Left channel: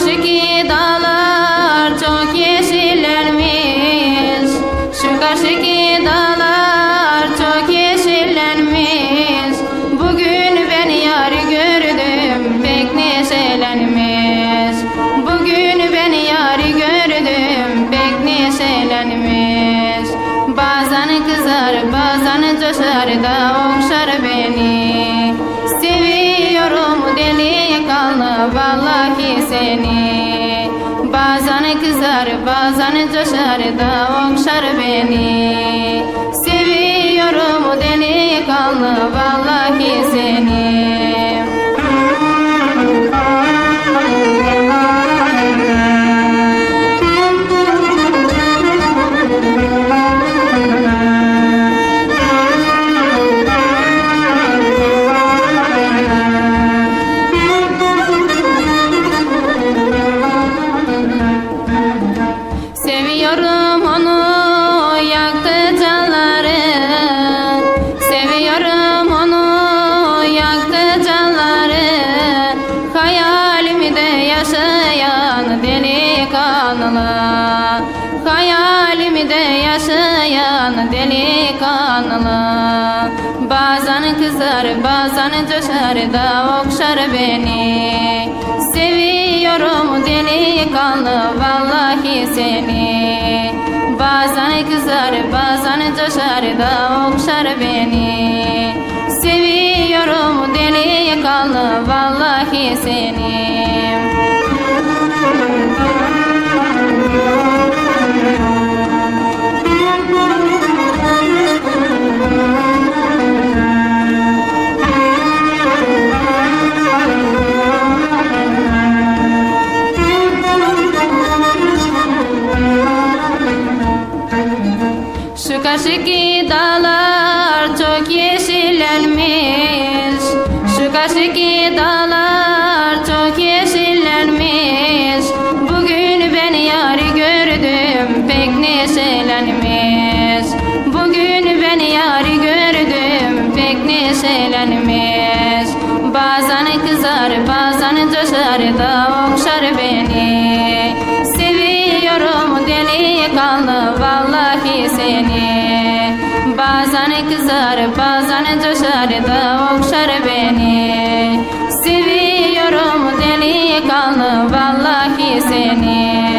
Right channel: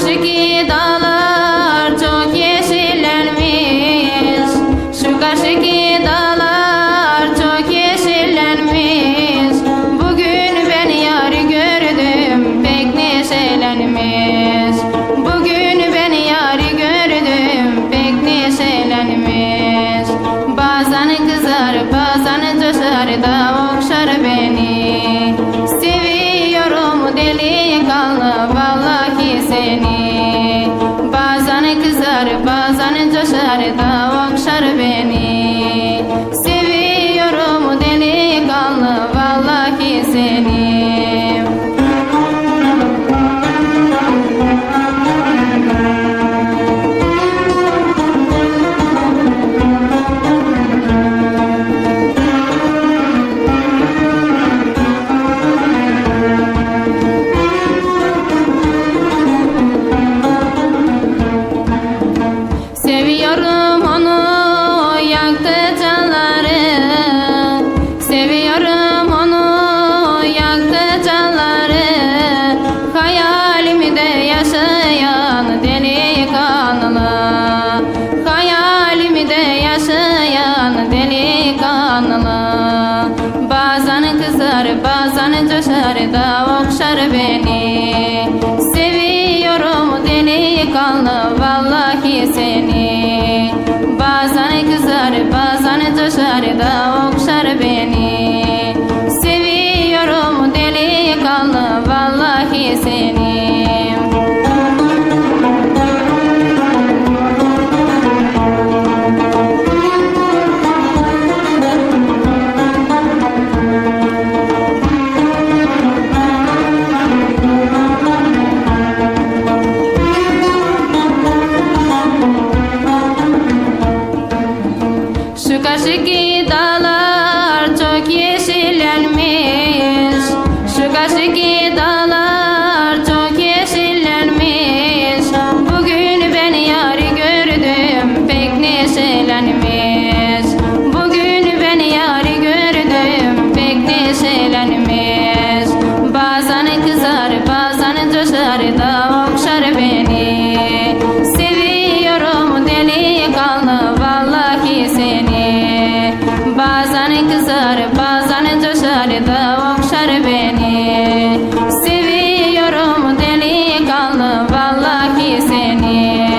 karşıki dağlar çok yeşillenmiş. Şu karşıki dağlar çok yeşillenmiş. Bugün ben yar gördüm pek neşelenmiş. Bugün ben yar gördüm pek neşelenmiş. Bazen kızar bazen coşar da okşar beni. Seviyorum delikanlı vallahi seni. Bazen kızar bazen coşar da okşar beni. Seviyorum delikanlı vallahi seni. Seviyorum onu yaktı canları. Seviyorum onu yaktı canları. Hayalimde yaşayan delikanlı. Hayalimde yaşayan delikanlı. Bazen kızar bazen coşar da okşar beni. Seviyorum delikanlı vallahi seni. Bazen kızar bazen coşar da okşar beni. Seviyorum delikanlı vallahi seni. Şu karşıki dağlar çok yeşillenmiş. Şu karşıki dağlar çok yeşillenmiş. Bugün ben yar gördüm pek neşelenmiş. Bugün ben yar gördüm pek neşelenmiş. Bazen kızar bazen coşar da okşar beni. Seviyorum delikanlı vallahi seni. Bazen kızar bazen coşar da okşar beni. Seviyorum delikanlı vallahi seni.